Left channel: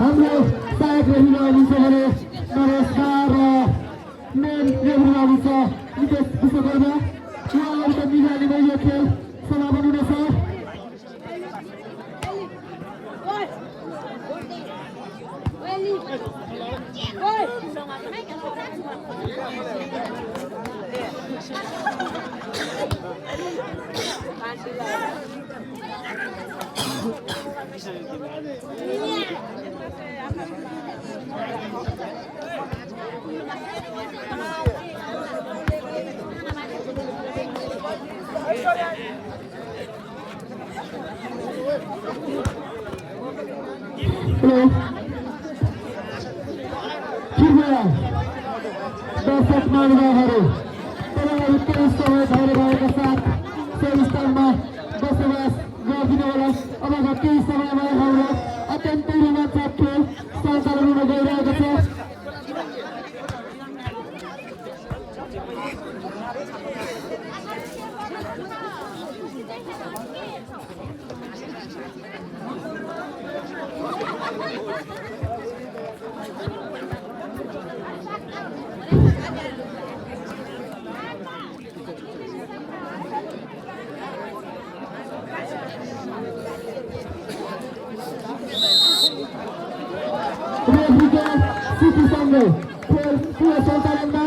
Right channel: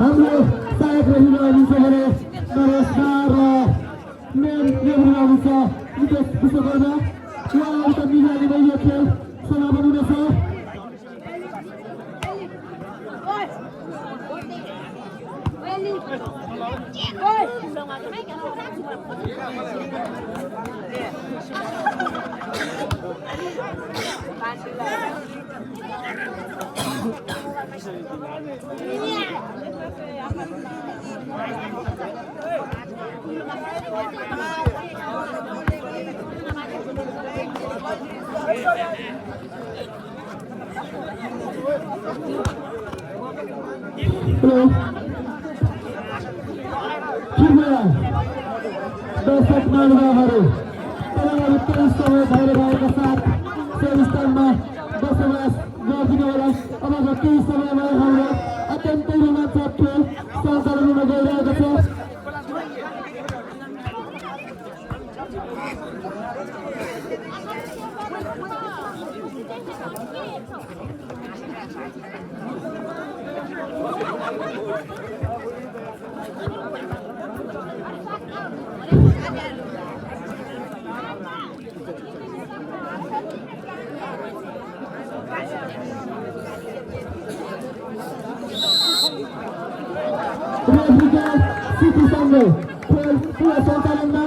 हाम्रो सहायक रेफ्री हुनुहुन्छ भने नरेश र मेन रेफ्री हुनुहुन्छ नितेश विश्वकर्मा। उहाँहरूको निगरानीमा यो खेल समापन हुनेछ। दर्शक महानुभावहरू, तपाईँहरू त्यही समय भइरहेका साथ त्यही स्थानमा बसोबास गरिदिनु होला। अब केही समयमा हाम्रो अत्यन्तै रोमाञ्चक खेल सञ्चालन हुन गइरहेको छ। City Sunday, खेल सञ्चालनमा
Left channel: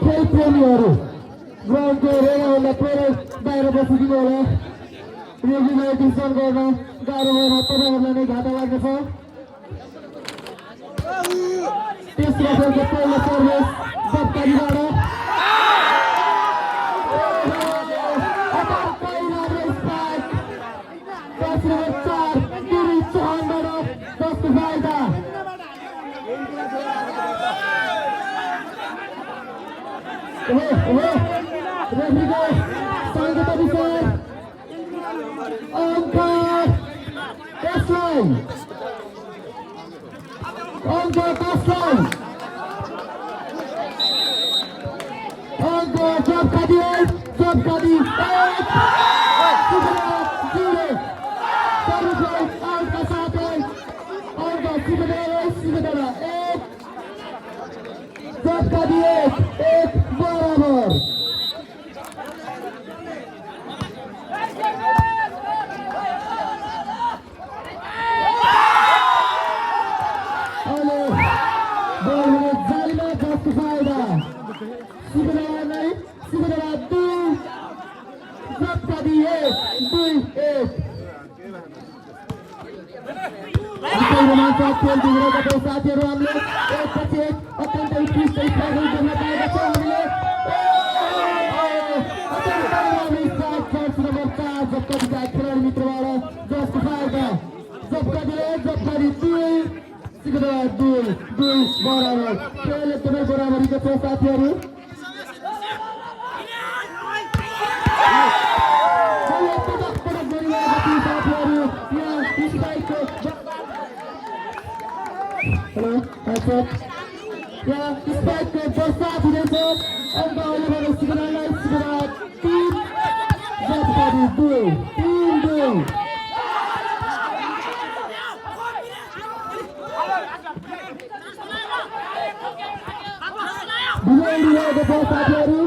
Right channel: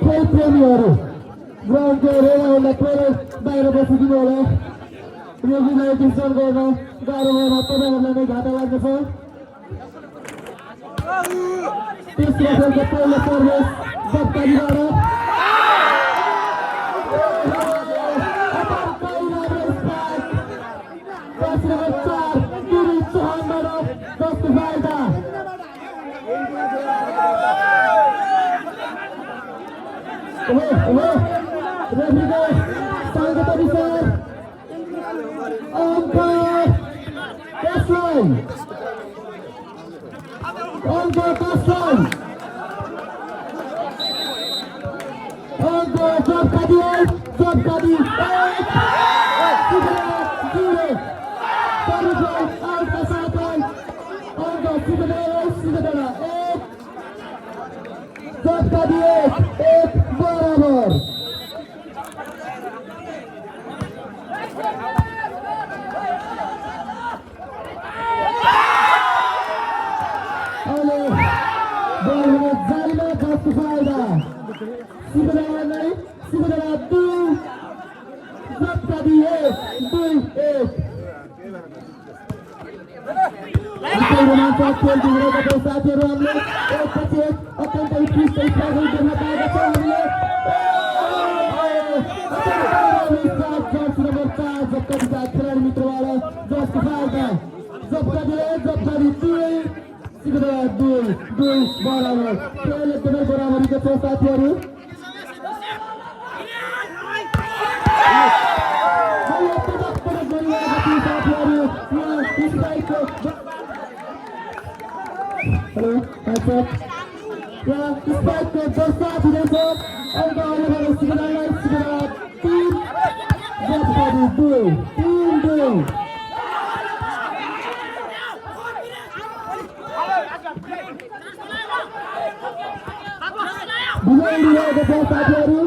खेल प्रेमीहरू ग्राउन्डको रेडाहरूलाई थोरै बाहिर बसिदिनु होला। रेगुलराइजेसन गर्न गाह्रो भएन, तपाईँहरूलाई नै घाटा लाग्दछ। तेस्रो खेलको पहिलो सर्भिस जप्तारीबाट साथीहरू हामीले एकपछि एक अत्यन्तै उत्कृष्ट स्ट्राइकहरू देख्न पाएका छौँ। हामीले खेलाडी मित्रबाट जप्तारी 2 बराबर खेल एकदमै बराबरीको छ साथीहरू। यहाँ स्पाइकको दर्शक दिनेछ अन्त अहिलेबाट सिगनालाई सिगना 3 जप्तारी 2 बिगाइरहेको छ साथीहरू।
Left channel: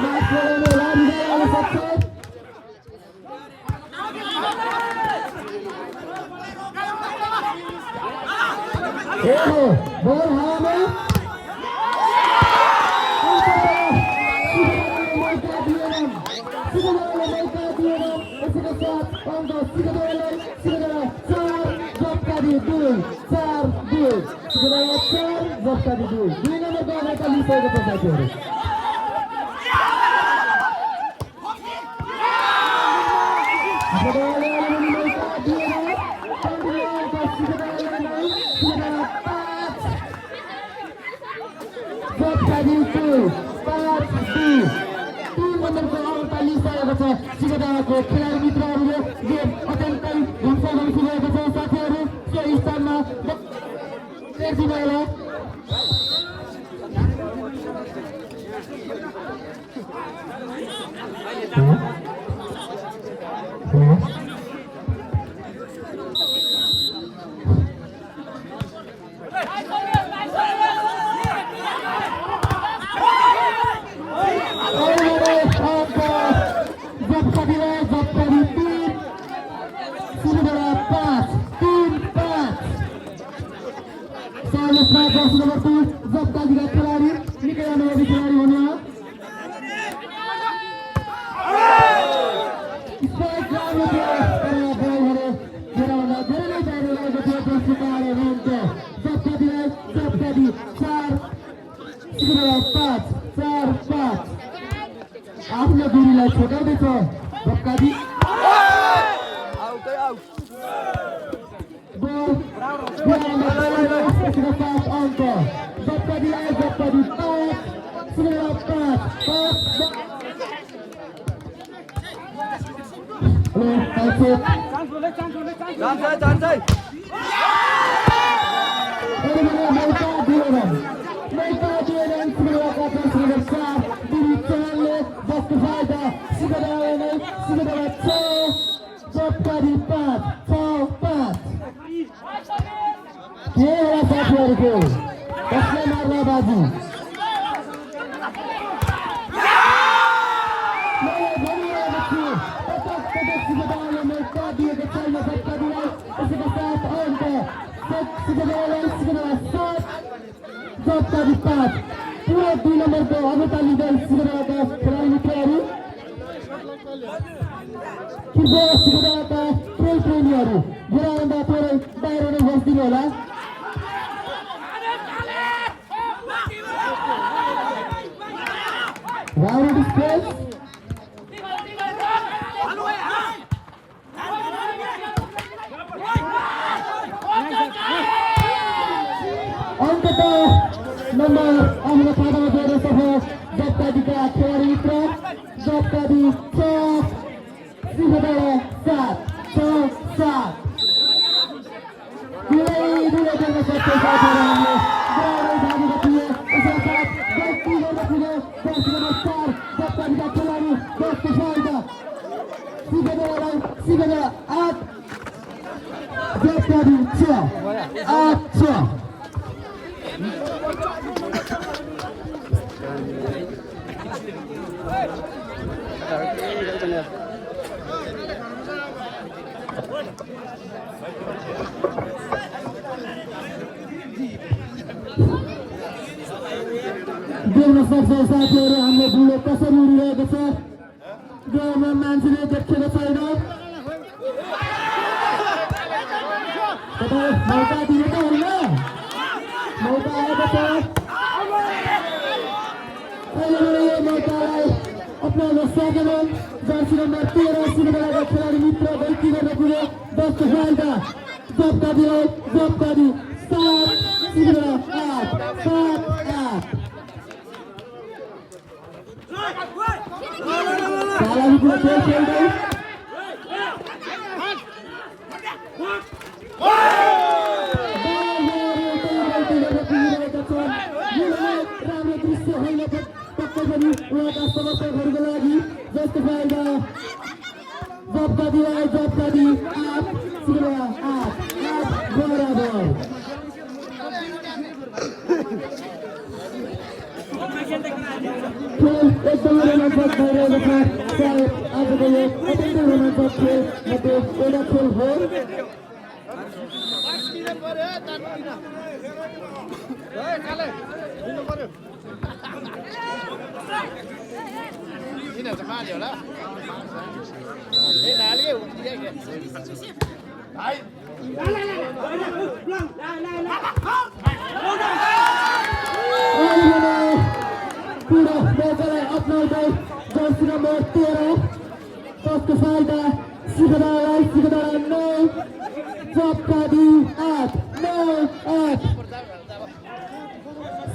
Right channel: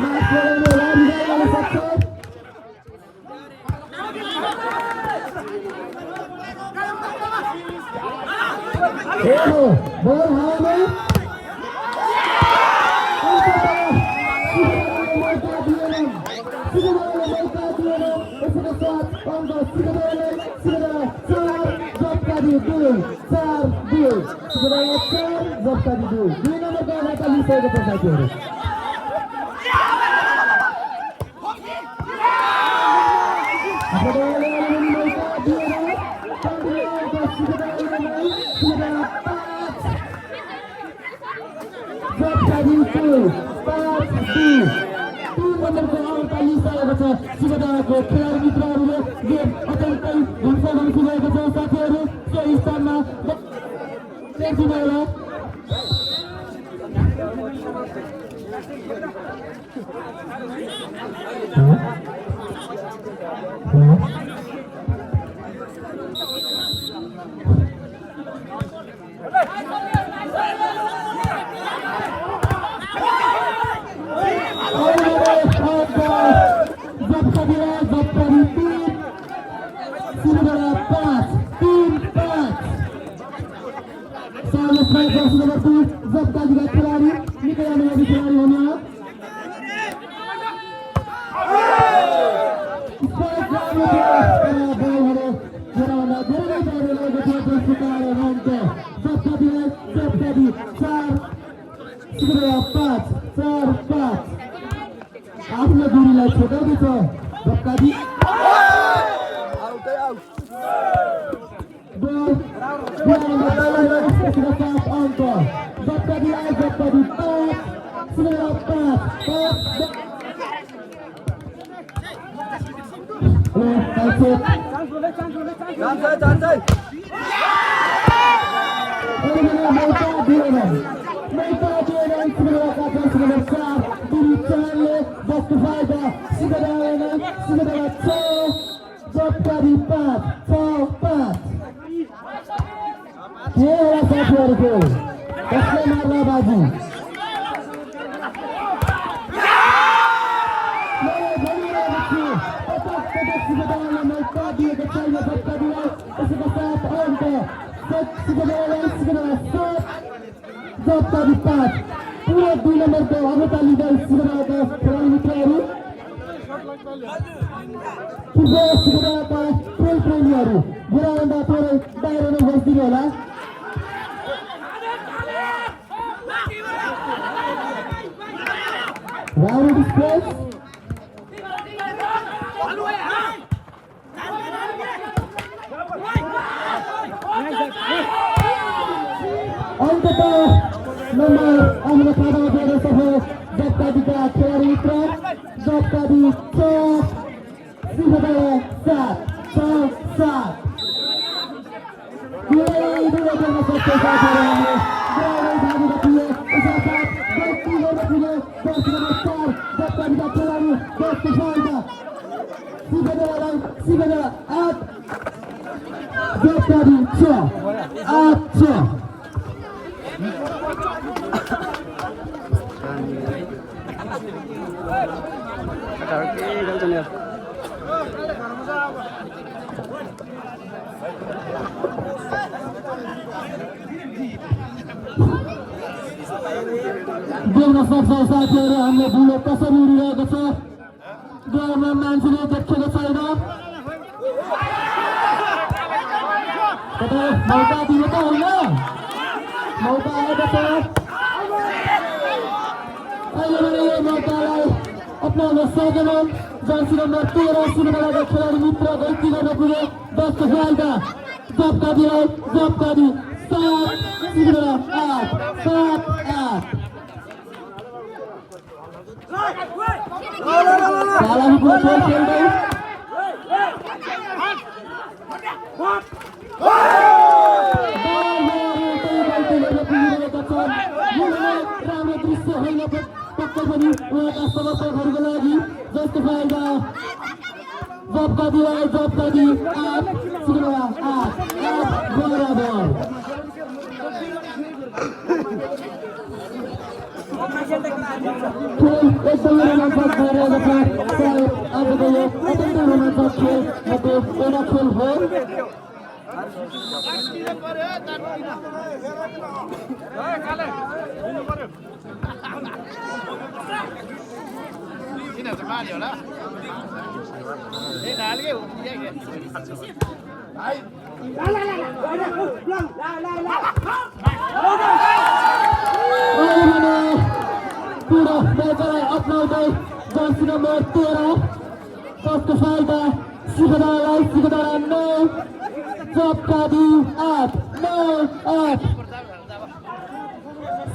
म्याच लगाउने होला, बिगाइरहन सक्छ। बल हावामा जप्तारी 2 नम्बरको अगाडि लिइसकेको छ साथीहरू। Kita नम्बरको अङ्क लिइसकेको छ सिगदाको खेलाडी मित्रहरूले गेम अत्यन्तै हिंसा गरिसकेको छ साथीहरू सोही स्थानमा आफ्नो दूरीलाई छुटाउँदैछ जप्काजी अंक जप्काजी जप्काजी 5 पूरा 2 नंबर पे अगता लिँदै सिगदाका खेलाडी मित्रहरू कृपया सिगदाका प्रेमीहरू ग्राउन्डमा थोरै बाहिर नै बस्दिनु होला राउन्ड स्पेस नंबर अहमद खादा जोड़े सफे जप्तादी का खेलाड़ी मित्र जप्तादी 7 देख्न सक्छ साथीहरू हाम्रो बुलो कसरी उडिरहेको छ गेममा मान्छेले देखेको छैन मौका दिनु त होइन मौका आएको छ मौकालाई अपनाउन सकेनन् जर्सी नम्बर 13 सिनेमाका खेलाडी मित्र गल्ती गर्न पुग्यो 10 फाल्दा जप्तादी 7 सिनेमा 8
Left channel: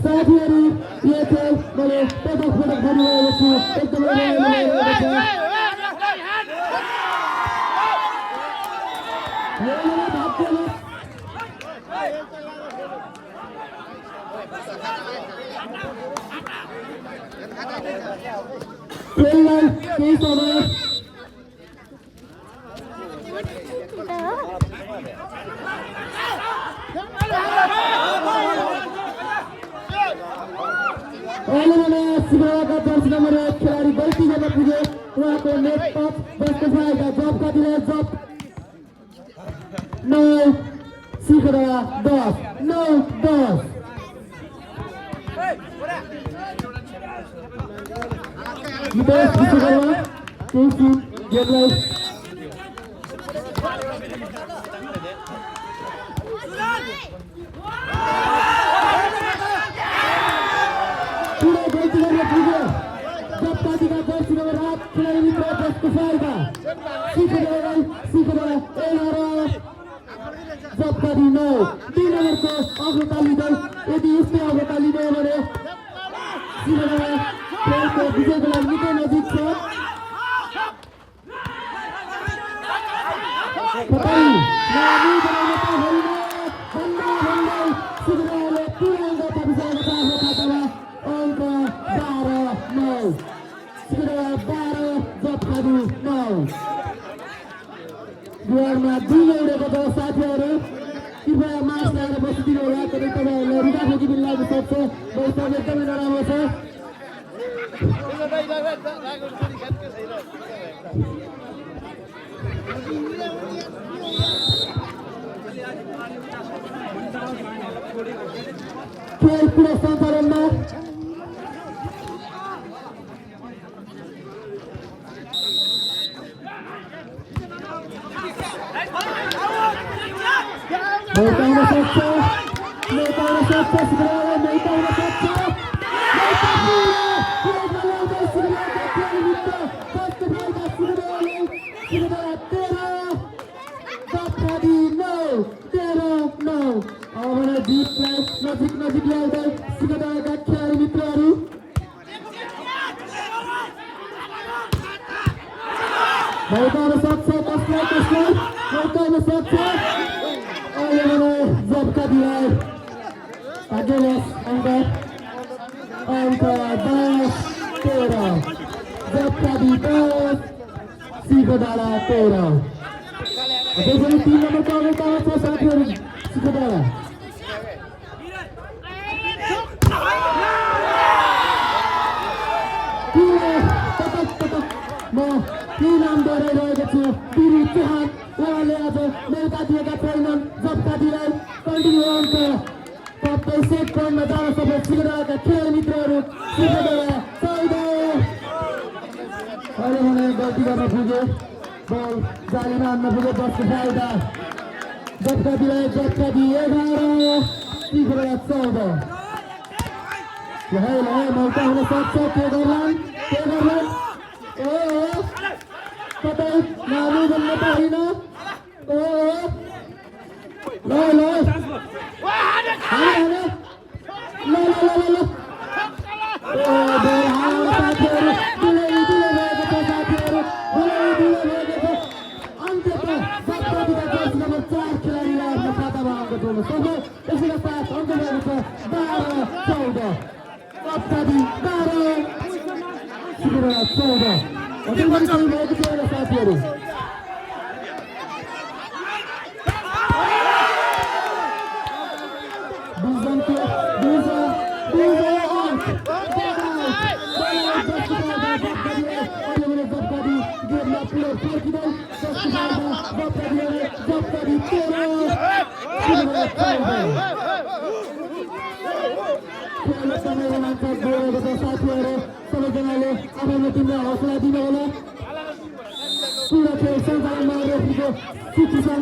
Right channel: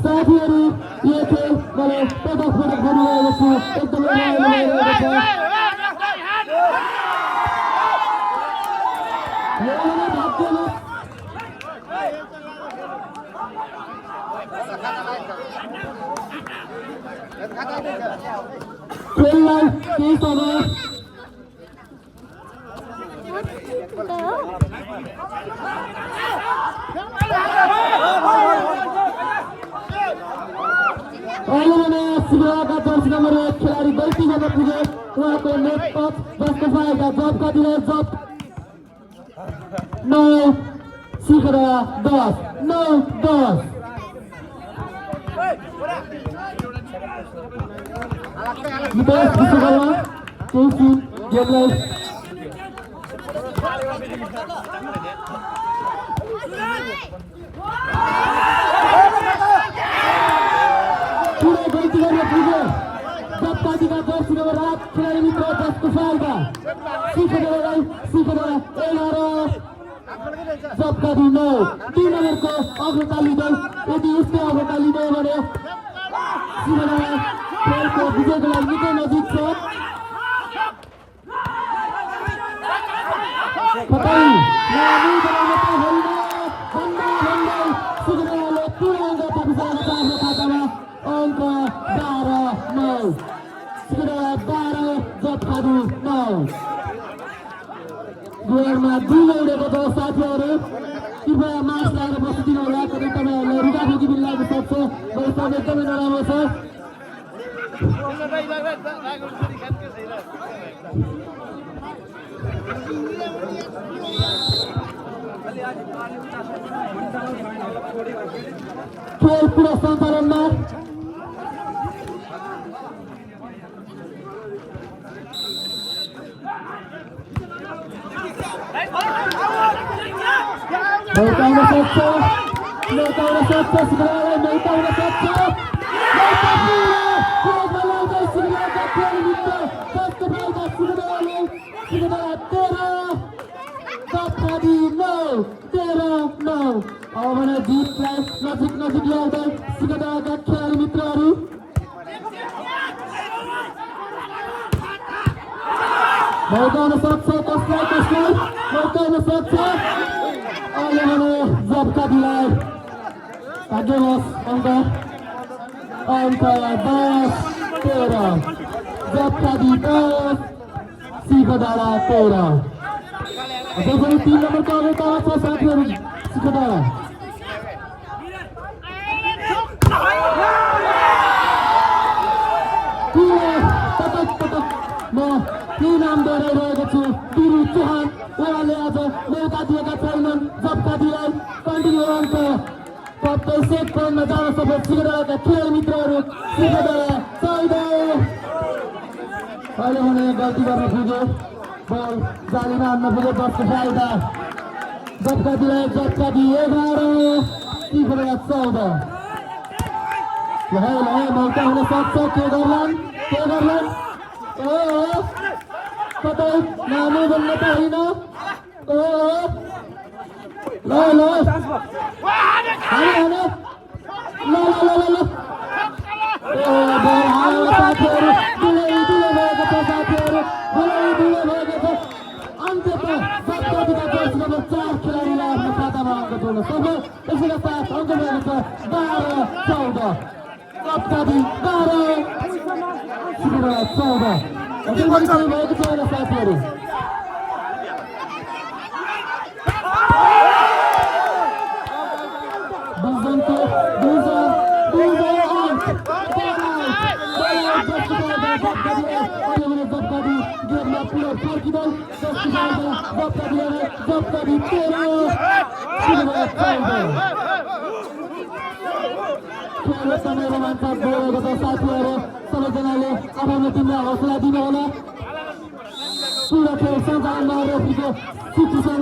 साथीहरू यहाँ पदक फरक गरिरहेको छु एकदमै रमाइलो भइरहेको छ खेललाई केही समय शिवराका जर्सी नम्बर 1 खेलाडी गल्ती गर्न पुगे उहाँको नेट टच जसको फाइदा जब कतिले जब 9 शिखरा 10 9 10 विदेश विश्वकर्मा केसी गेमलाई गुवारमा दुई उडेको छ साथीहरू कृपया मास्क लगाएर बसिदिनु होला कतै तपाईँहरूलाई रुगाखोकी पनि लाग्न सक्छ वर्षा एकदमै नराम्रो छ खेल पुरा सञ्चालनमा Mereka sukses, segera mereka sukses. Agelos angka 10 Tera Zapka di 10 si Badala Tera ada dari tim nomor kamu saatnya si Badala तीन आमदार रहेका छु बिरु चौहान उहाँले आज मौका दिएका छैनन् जबका दिलाई कन्टिन्यू अङ्क सबै सेट गर्न जान सफल सिगरेटका खेल मित्रहरू सिगरेट 14 अहिले हुने गल्ती गर्न पुग्यो बल जालीमा हान्न पुग्यो 10 को फाइदा जबका दिलाई जबका दि 11 सिगरेट 14 यहाँ मौका हुन सक्छ के गर्लान् तपाईँ नानी बन्न पाइन सबैजनाले आफ्नो टिमलाई हौसला दिनु होला पुरा खेल सञ्चालनमा रहेको सिचुएसन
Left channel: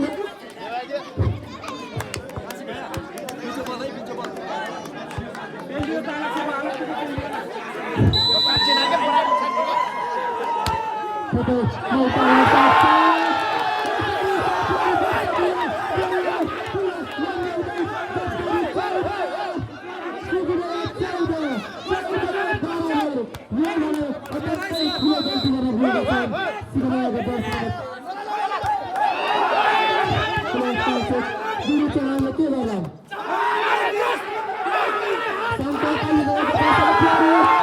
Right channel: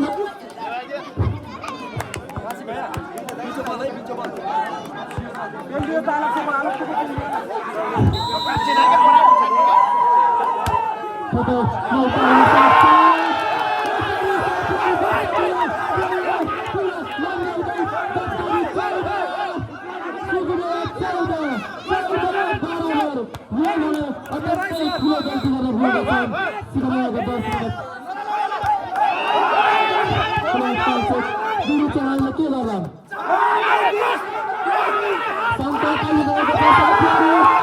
चलाउन के गर्ला संकल्प लिएको